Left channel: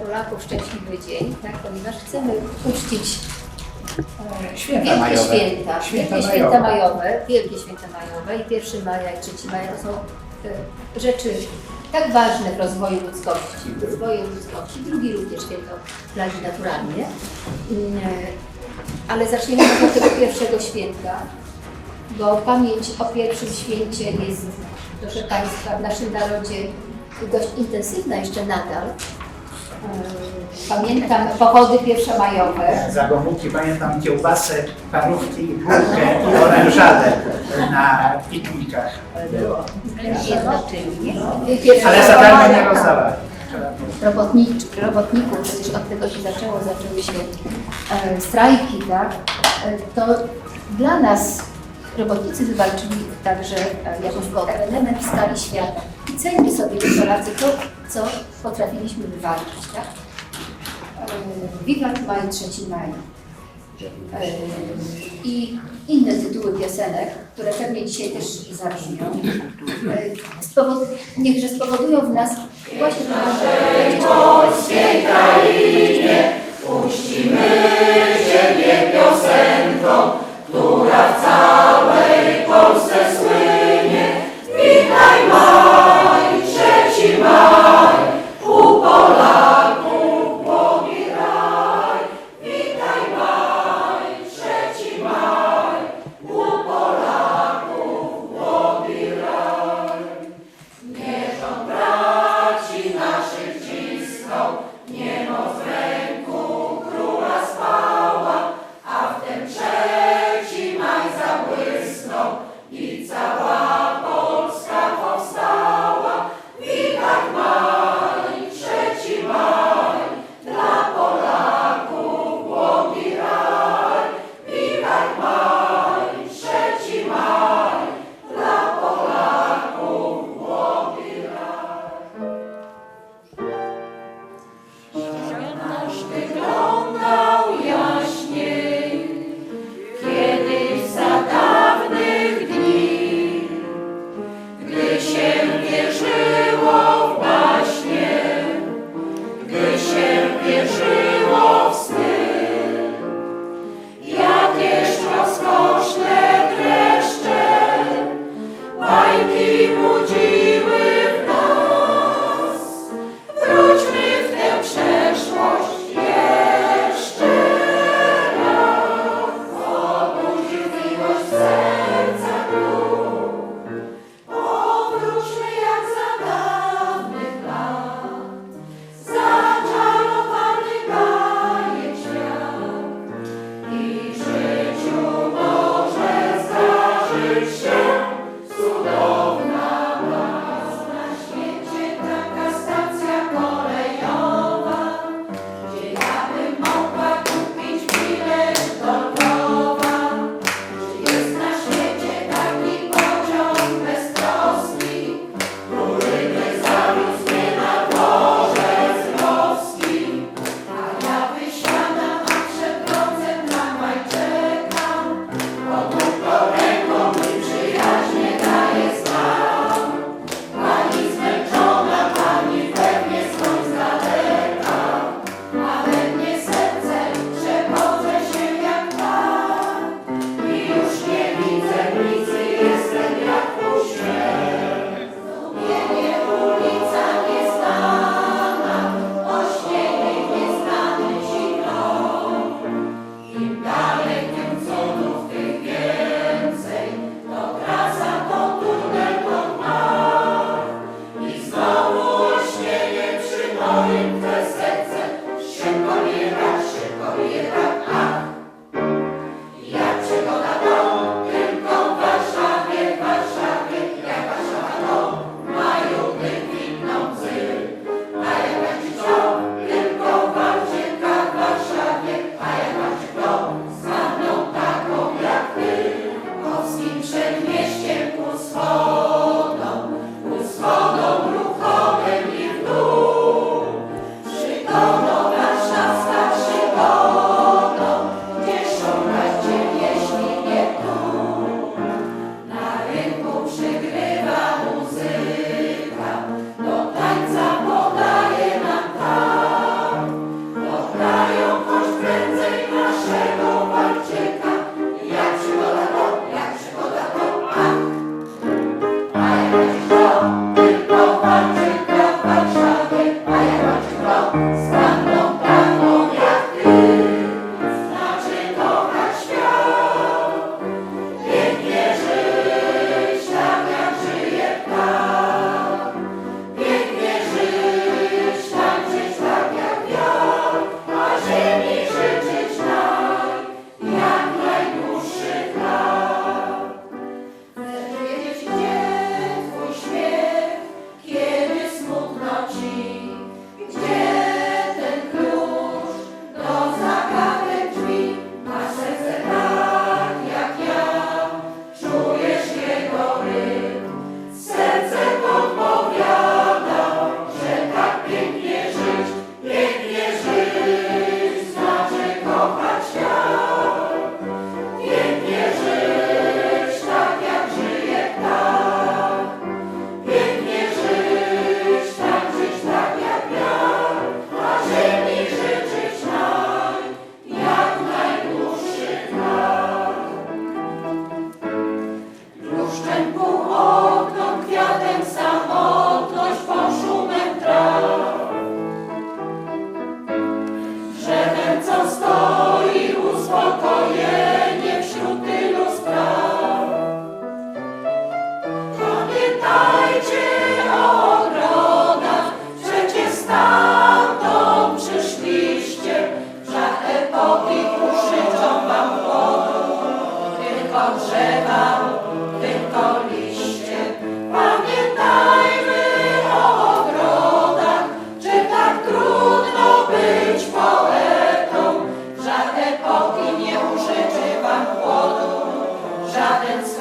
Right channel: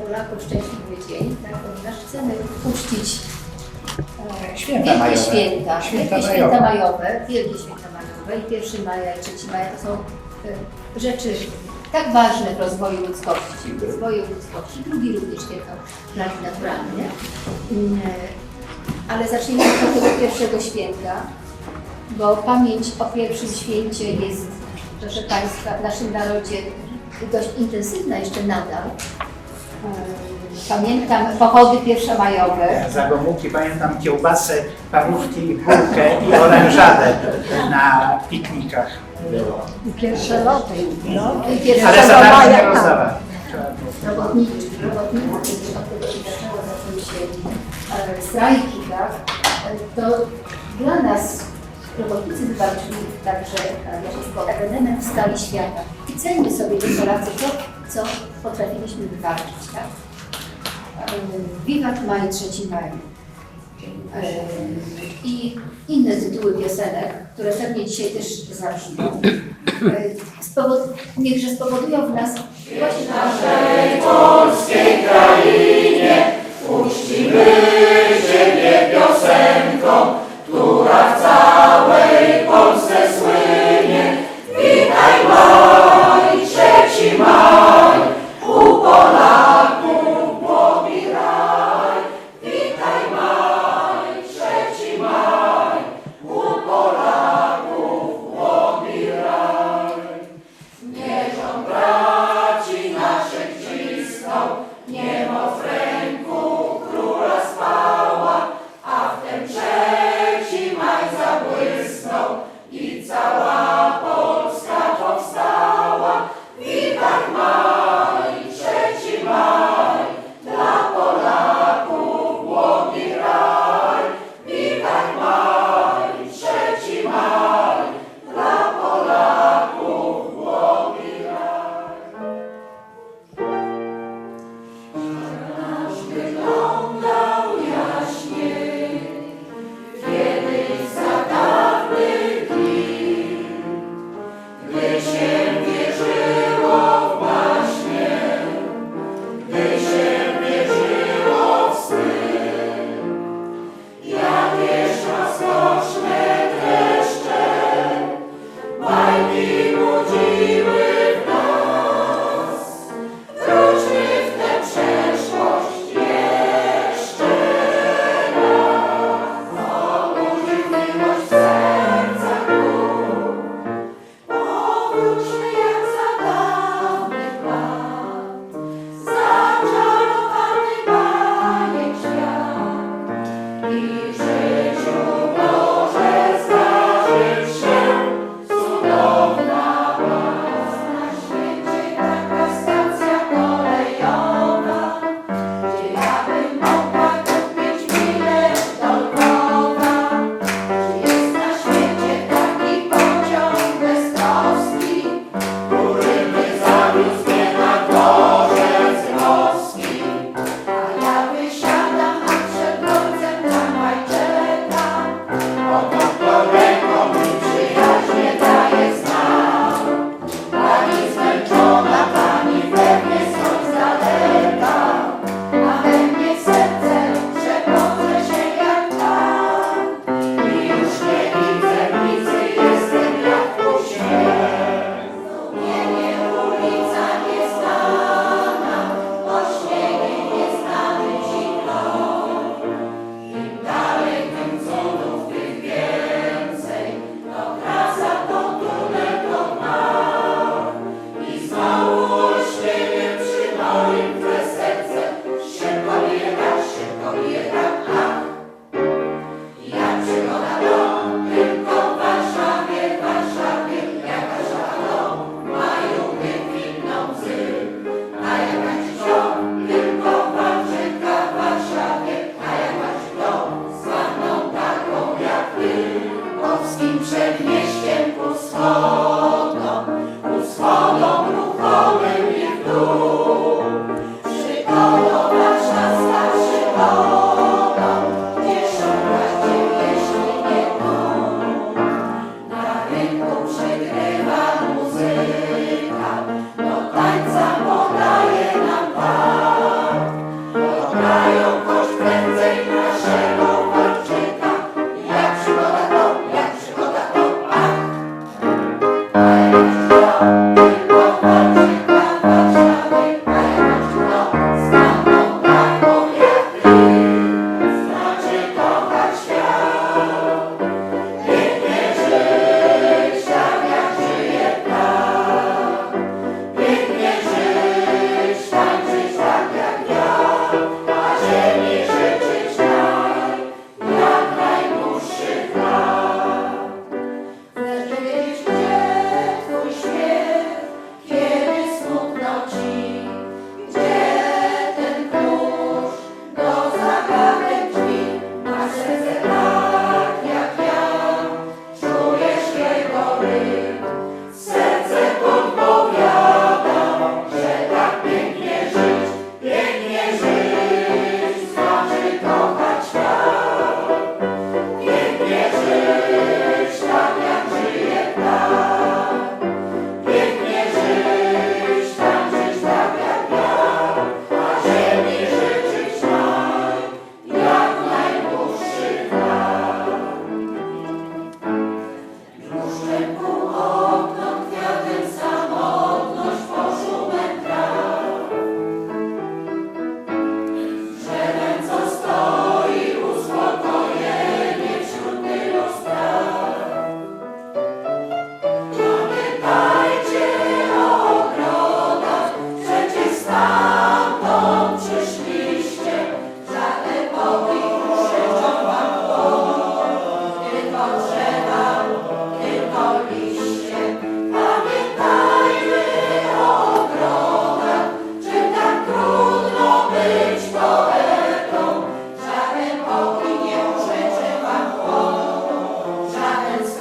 Polaków szczęśliwy dzień, tak, ponieważ chcemy uczcić e, Święta wielkie majowe. święta, Święta wielkie majowe. święta majowe, wielkie święta majowe i 1 maja i 3 maja to są e, rzeczy tak ważne w rozwoju ludzkości, w rozwoju ludzkości. Drugi również święto flagi naturalnie. Mm, e, Ale zaczniemy może od tego pierwszego święta, bo pamięć o pierwszym święcie jest, proszę Państwa, w naszym narodzie dość intensywna jeszcze nadal. E, Pamiętam pochody pierwszomajowe. Ja za Gomułki pamiętam kiełbasę, parówki, bułkę i orężadę na piknikach. Pierwsze Ale za darmo nie rozdawali. Robotniczy, robotników, przecież od tego się zaczęło, zaczęły się e, strajki, tak? E, to dla nas robotnicy wywalczyli także e, jako ewenement w skali świata. I ceńmy sobie, my Polacy, to, co potrafiliśmy wywalczyć, tak? E, Wiwat Maj, 3 maj. E, I inne tytuły piosenek, które pewnie dzisiaj też zabrzmią, spowod, niechże spowodują w nas właśnie Moses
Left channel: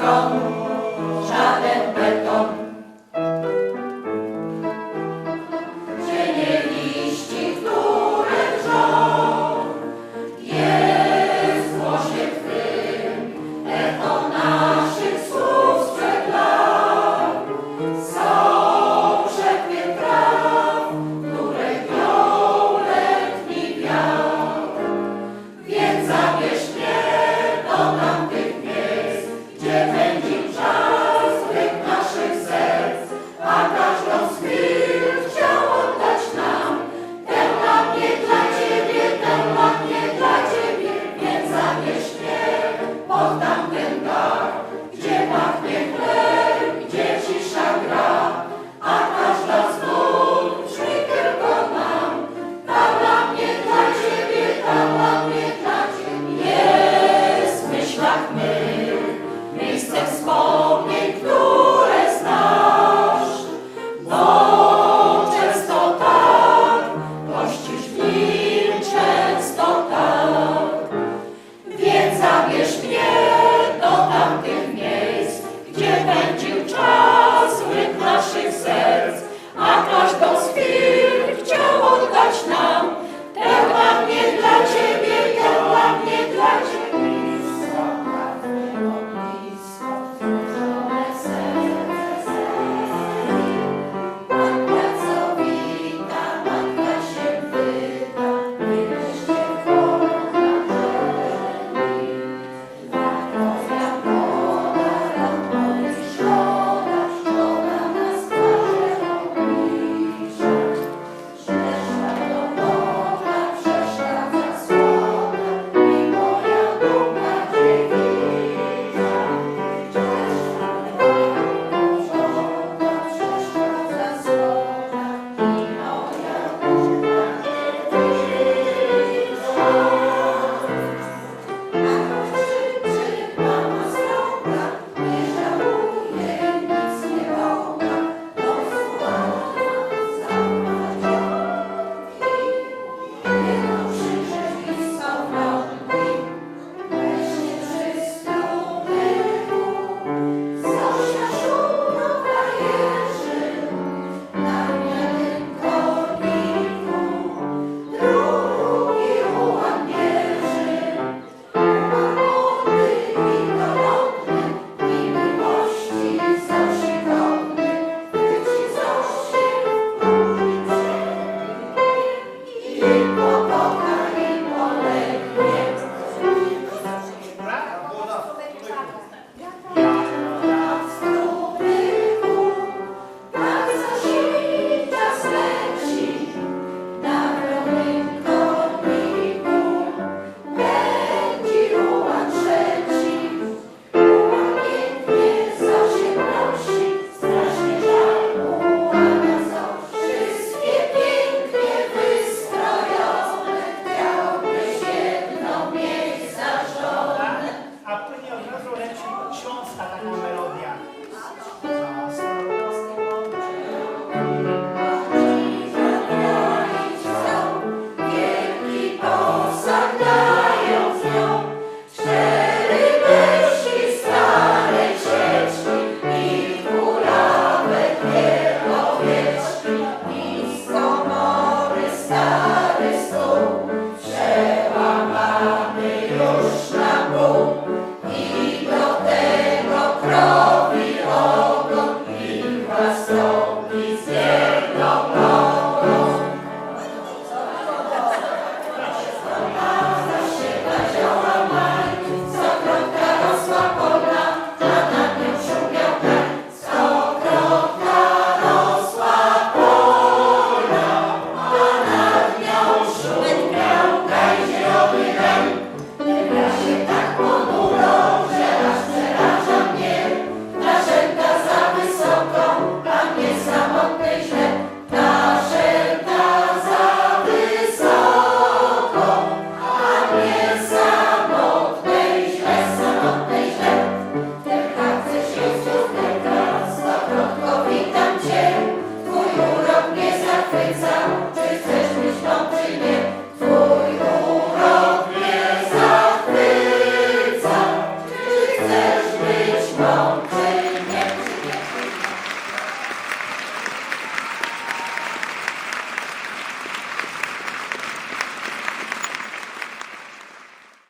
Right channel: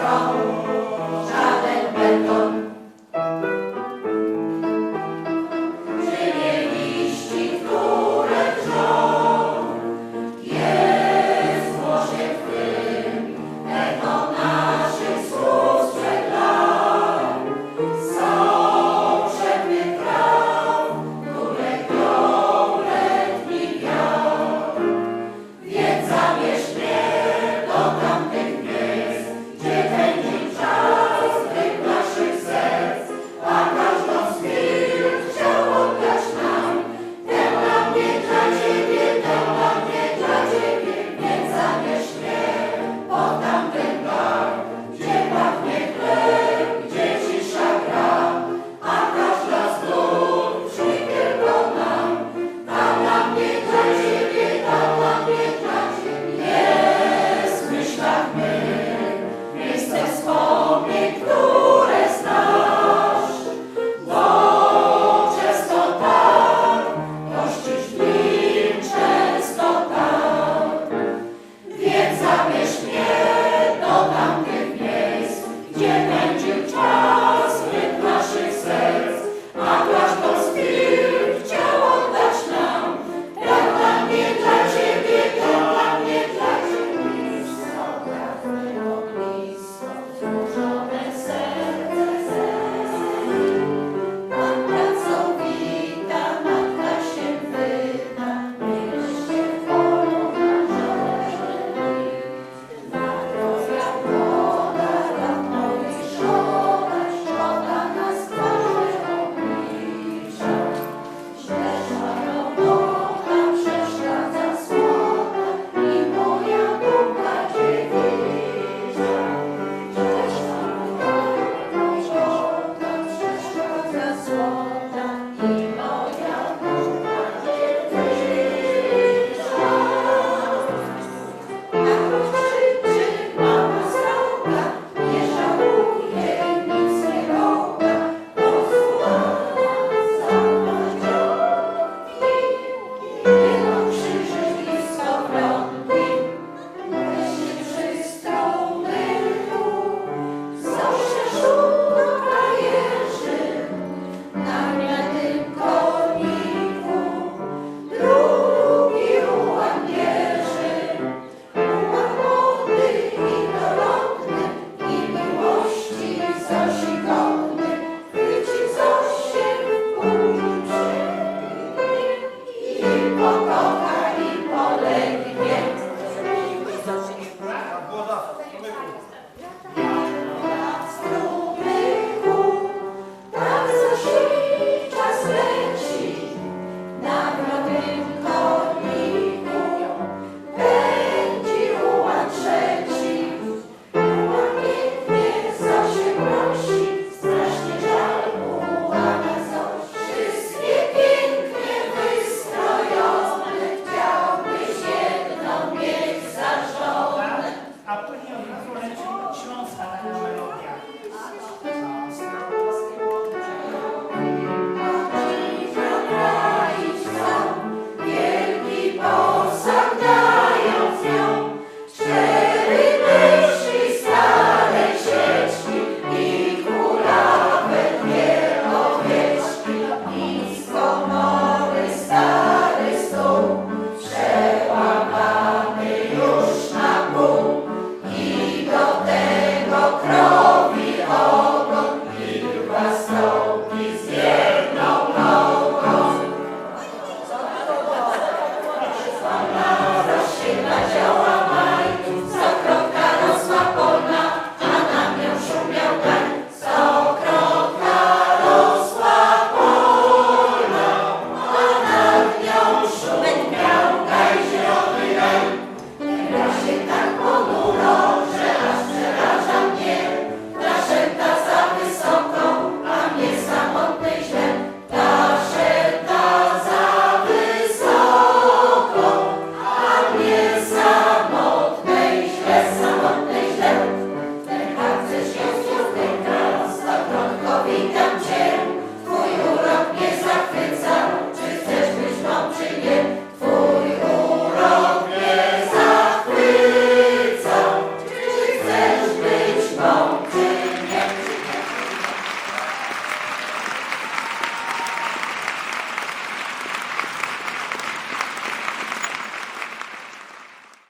song.